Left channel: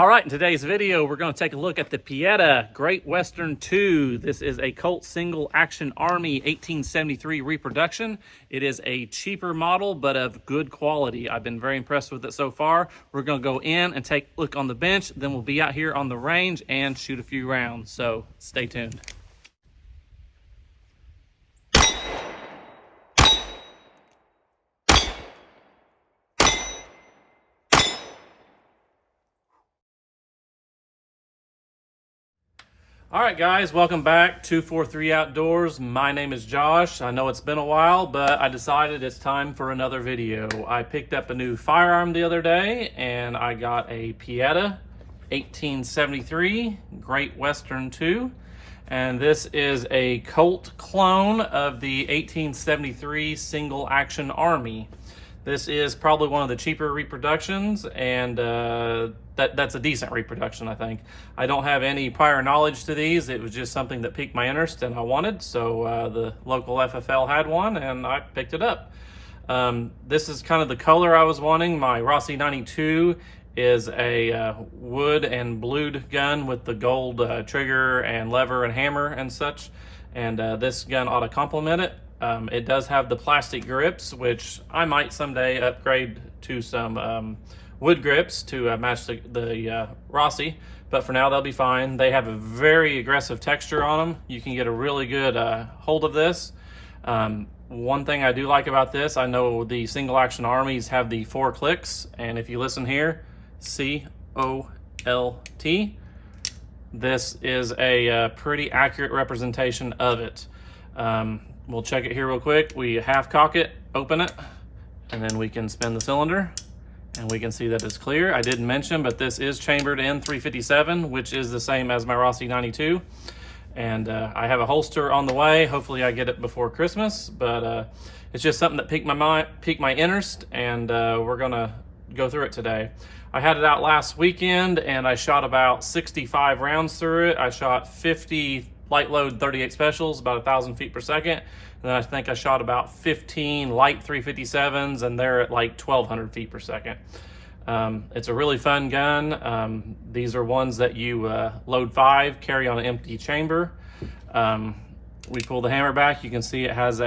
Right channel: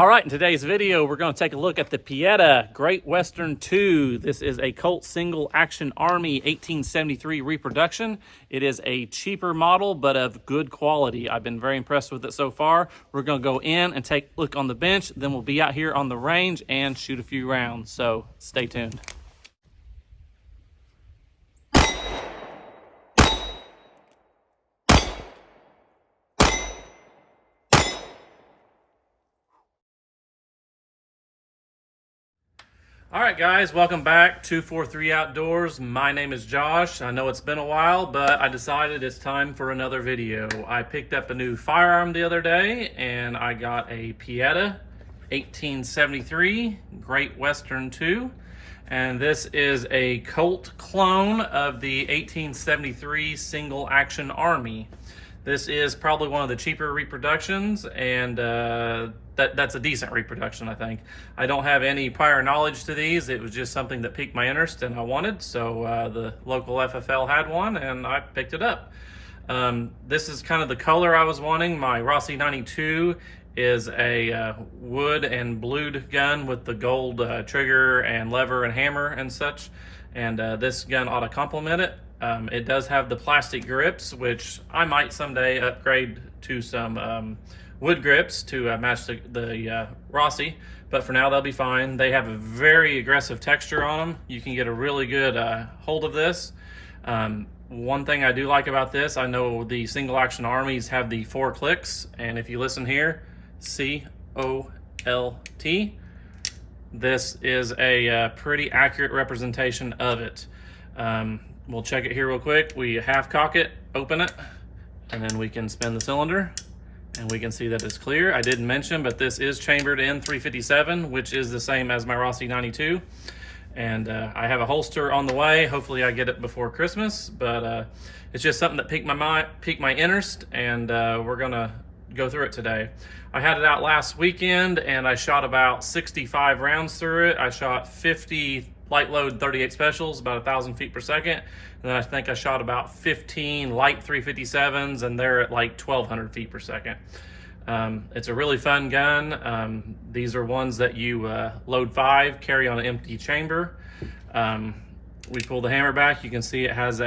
All right, in today's video, we're going to take a look at the Pietta Great Western II. This is a Colt Single Action Army 1873 reproduction. It is a cheaper model, but of good quality. I've been very impressed with it so far. We're going to go in and take a look on the bench, then we'll be out here on the range and shoot a few rounds. So stay tuned. All right, guys, welcome back. 243 Outdoors. My name is Josh. I know it's been a while, but I decided it's time for another video. I picked up a new firearm the other day, and I got a Pietta 1873 Great Western II. And this is a Colt clone of the 1873 Single Action Army. This is probably one of the cheaper reproductions, and that's a decent reproduction, I think. I don't have any prior knowledge to these. It was just something that piqued my interest and I wanted, so the local FFL had one and I picked it up. This is kind of the color I was wanting. My Rossi 92 is a wood and blued gun with the gold trigger and lever and hammer and such, and this gun ought to complement it. It does have the plastic grips, which I might someday upgrade to some wood grips to match the Rossi, but for now they'll be fine. They have a very aggressive texture on them. You can get a really good hold of this. One thing I do like about this, I know the Single Action Armies have the 4 clicks, and if you listen here, C-O-L-T, this is a pretty accurate representation of it. We'll check it here real quick. We half cock it, open it, and then we can spin the cylinder and we can see that it's clear. I didn't mention, but this is chambered in 357, which is the same as my Rossi 92. And I have a holster on the way. Hopefully I get it before Christmas, but it's just something that piqued my interest, and we're gonna go through it today. I had it out last weekend and I shot about 65 rounds through it. I shot 50 light load 38 specials, about 1,000 feet per second. And then I think I shot about 15 light 357s, and they're at like 1,200 feet per second. It's a really fun gun. These are ones that you load 5, carry on an empty chamber. We pull the hammer back. You can see it has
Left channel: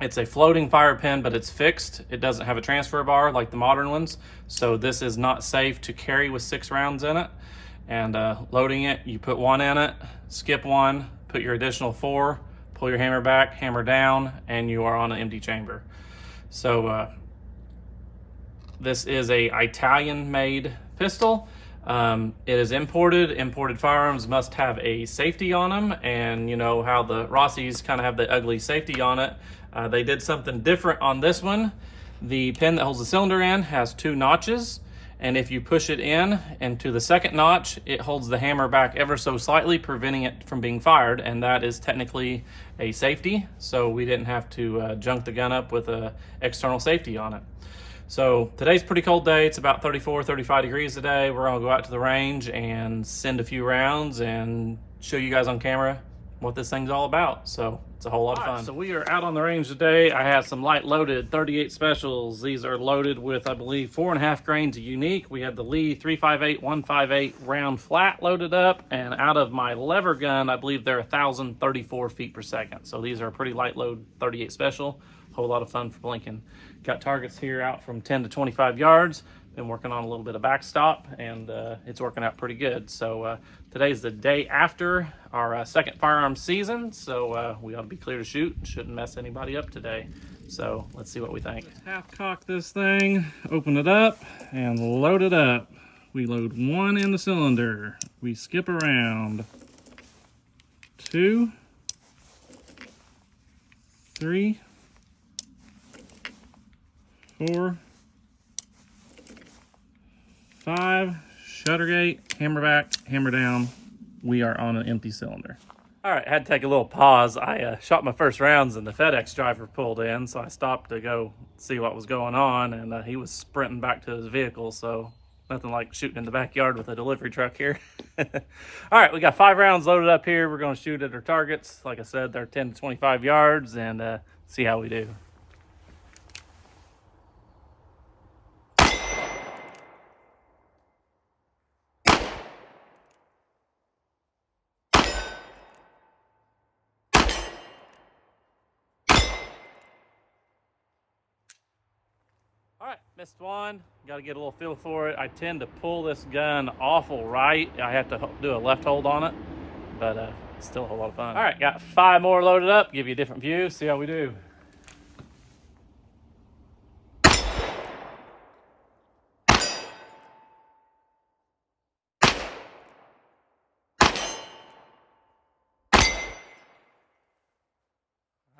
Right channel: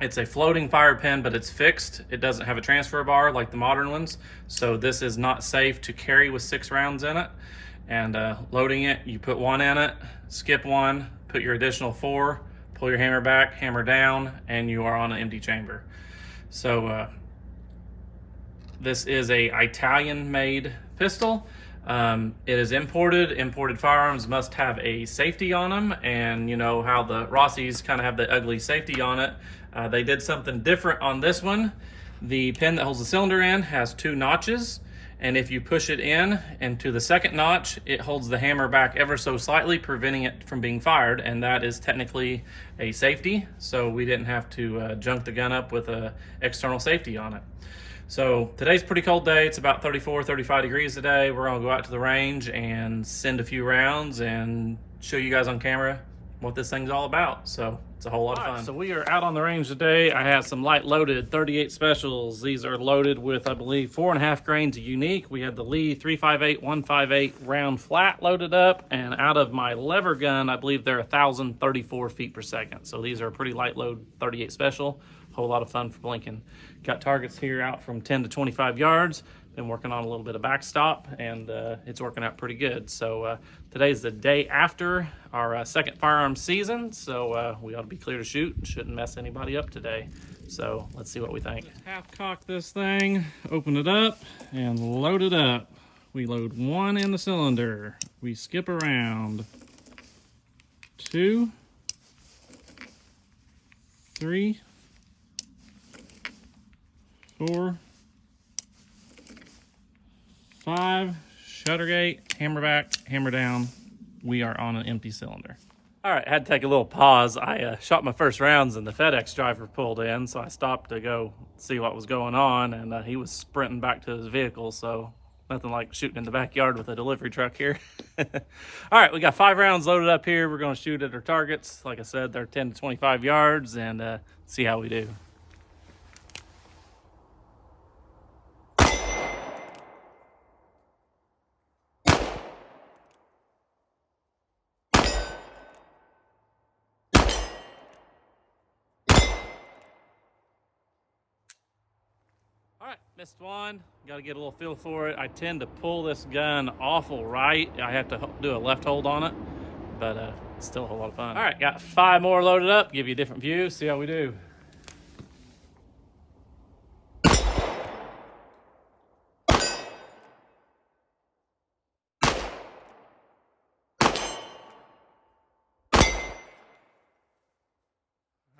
it's a floating fire pin, but it's fixed. It doesn't have a transfer bar like the modern ones. So this is not safe to carry with 6 rounds in it. And loading it, you put 1 in it, skip 1, put your additional 4, pull your hammer back, hammer down, and you are on an empty chamber. So this is a Italian-made pistol. It is imported. Imported firearms must have a safety on them, and you know how the Rossis kind of have the ugly safety on it. They did something different on this one. The pin that holds the cylinder in has 2 notches, and if you push it in and to the second notch, it holds the hammer back ever so slightly, preventing it from being fired, and that is technically a safety. So we didn't have to junk the gun up with a external safety on it. So today's a pretty cold day. It's about 34, 35 degrees today. We're gonna go out to the range and send a few rounds and show you guys on camera what this thing's all about. So it's a whole lot of fun. So we are out on the range today. I have some light loaded 38 specials. These are loaded with, I believe, 4.5 grains of unique. We had the Lee 358 158 round flat loaded up, and out of my lever gun, I believe they're 1,034 feet per second. So these are a pretty light load 38 special. Whole lot of fun for blinking. Got targets here out from 10 to 25 yards. Been working on a little bit of backstop, and it's working out pretty good. So today's the day after our second firearm season, so we ought to be clear to shoot. Shouldn't mess anybody up today. So let's see what we think. Half cock this thing, open it up, and load it up. We load 1 in the cylinder. We skip around. 2, 3, 4, 5, shutter gate, hammer back, hammer down. We are on an empty cylinder. All right, I had to take a little pause. I shot my first rounds and the FedEx driver pulled in, so I stopped to go see what was going on, and he was sprinting back to his vehicle, so nothing like shooting in the backyard with a delivery truck here. All right, we got 5 rounds loaded up here. We're gonna shoot at our targets. Like I said, they're 10 to 25 yards, and see how we do. All right, missed one. Got to get a little feel for it. I tend to pull this gun awful right. I have to do a left hold on it, but it's still a whole lot of fun. All right, got 5 more loaded up. Give you a different view, see how we do.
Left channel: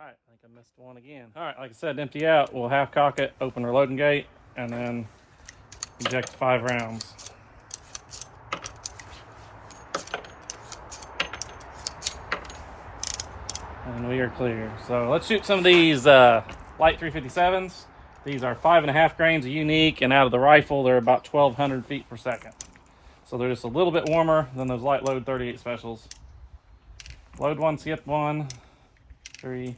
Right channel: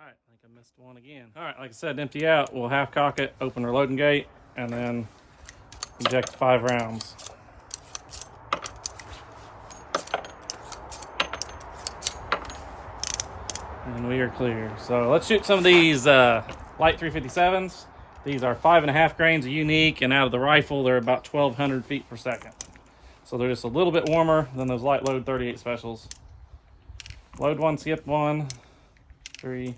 All right, I think I missed one again. All right, like I said, empty out. We'll half cock it, open our loading gate, and then eject 5 rounds. And we are clear. So let's shoot some of these light 357s. These are 5.5 grains of unique, and out of the rifle, they're about 1,200 feet per second. So they're just a little bit warmer than those light load 38 specials. Load 1, skip 1, 3,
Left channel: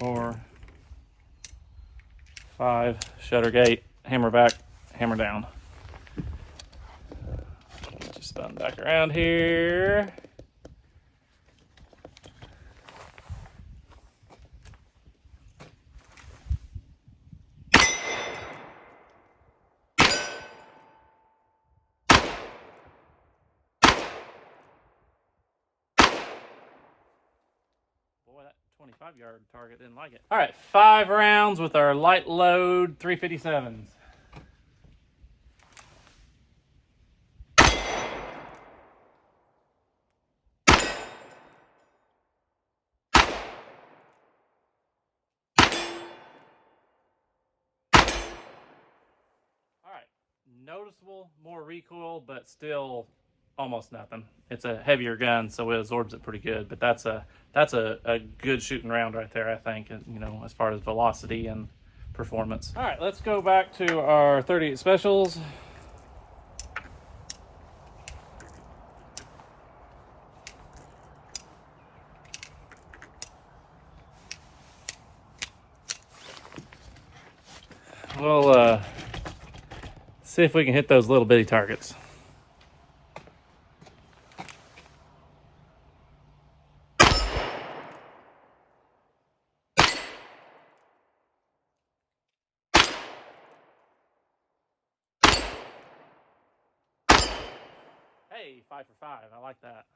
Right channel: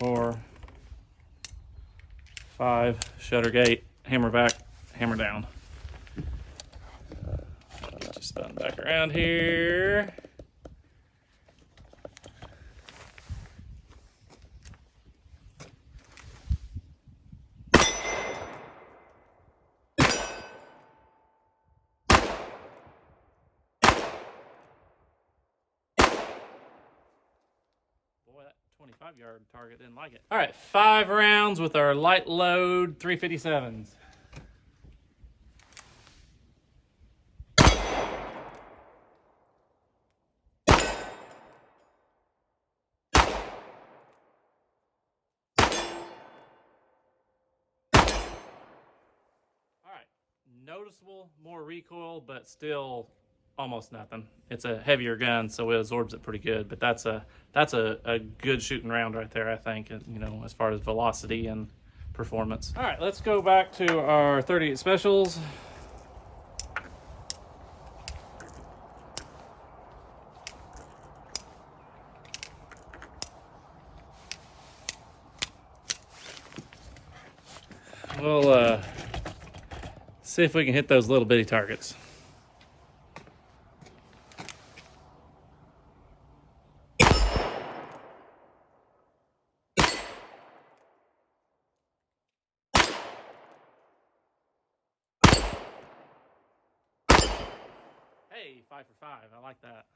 4, 5, shutter gate, hammer back, hammer down. Just spin back around here. Boy, that 25-yard target didn't like it. All right, 5 rounds with our light load 357s. All right, noticeable more recoil, but still almost nothing. It's a heavier gun, so it absorbs it pretty good, but that's a good shooting round right there, I think, you know, as far as velocity and performance. All right, let's go back to our 38 specials. We'll see if we can hit those little bitty targets. Hey, 5 for 5, I like that.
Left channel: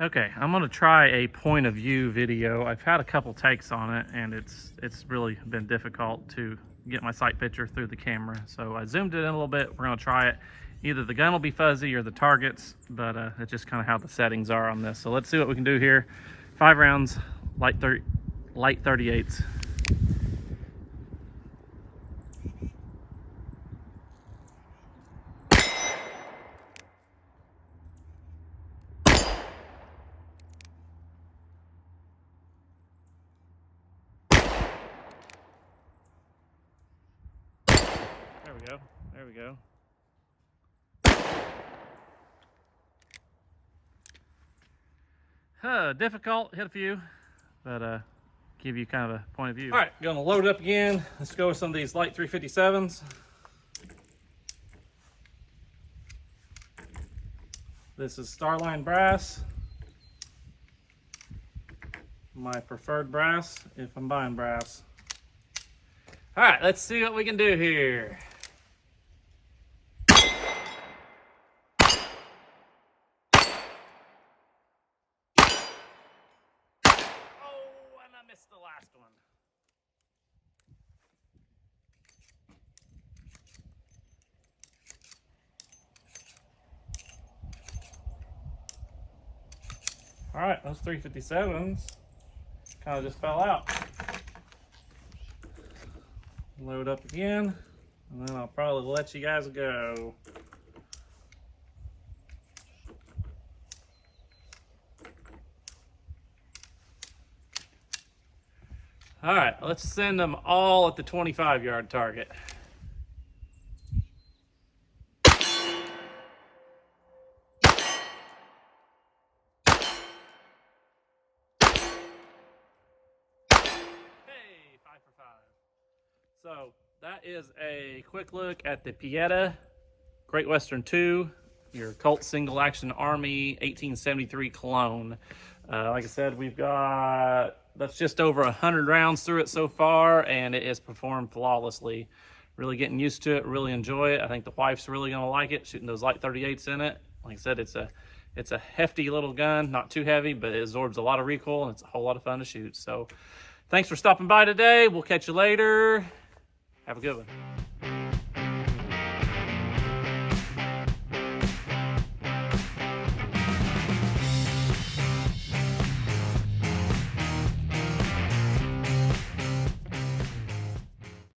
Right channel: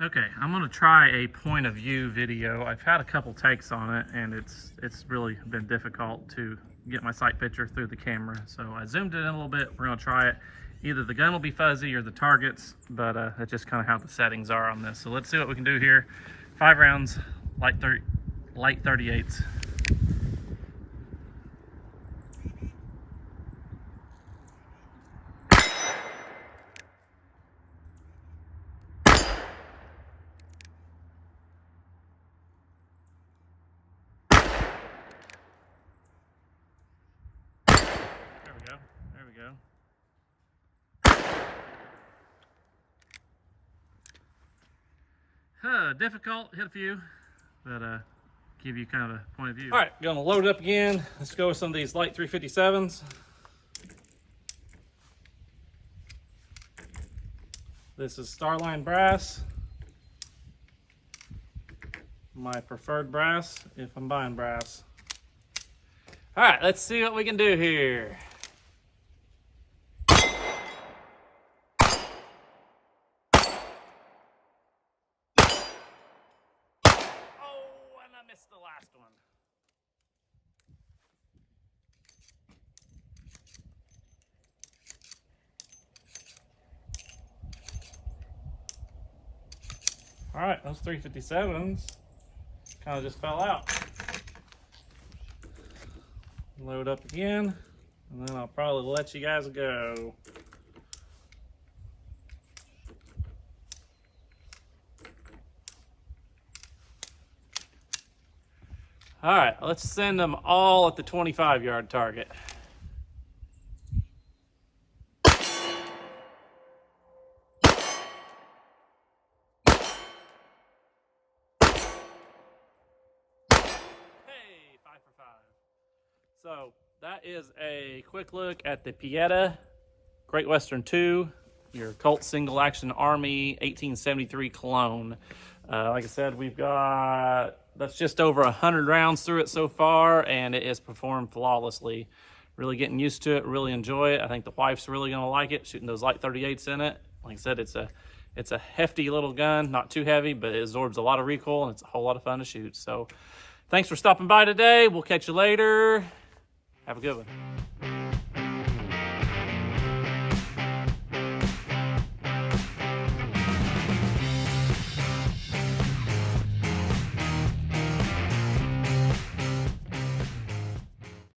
Okay, I'm gonna try a point of view video. I've had a couple takes on it, and it's really been difficult to get my sight picture through the camera. So I zoomed it in a little bit. We're gonna try it. Either the gun will be fuzzy or the targets, but that's just kind of how the settings are on this. So let's see what we can do here. 5 rounds, light 38s. There we go. There we go. Difficult, hit a few, but give you kind of a point of view. All right, gonna load it up again. Let's go with some of these light 357s. This is Starline brass. My preferred brass if I'm buying brass. All right, let's see what we can do here. I missed the last one. All right, those 357s kind of just fell out. Load up again, and then I'll probably let you guys go. All right, let's send them all at the 25-yard target. Hey, 5 for 5. So that is a quick look at the Pietta Great Western II, your Colt Single Action Army 1873 clone. Like I said, that's just over 100 rounds through it so far, and it has performed flawlessly. Really getting used to it, really enjoy it. I think the wife's really gonna like it, shooting those light 38s in it. Like I said, it's a hefty little gun, not too heavy, but it absorbs a lot of recoil, and it's a whole lot of fun to shoot. So thanks for stopping by today. We'll catch you later. Have a good one.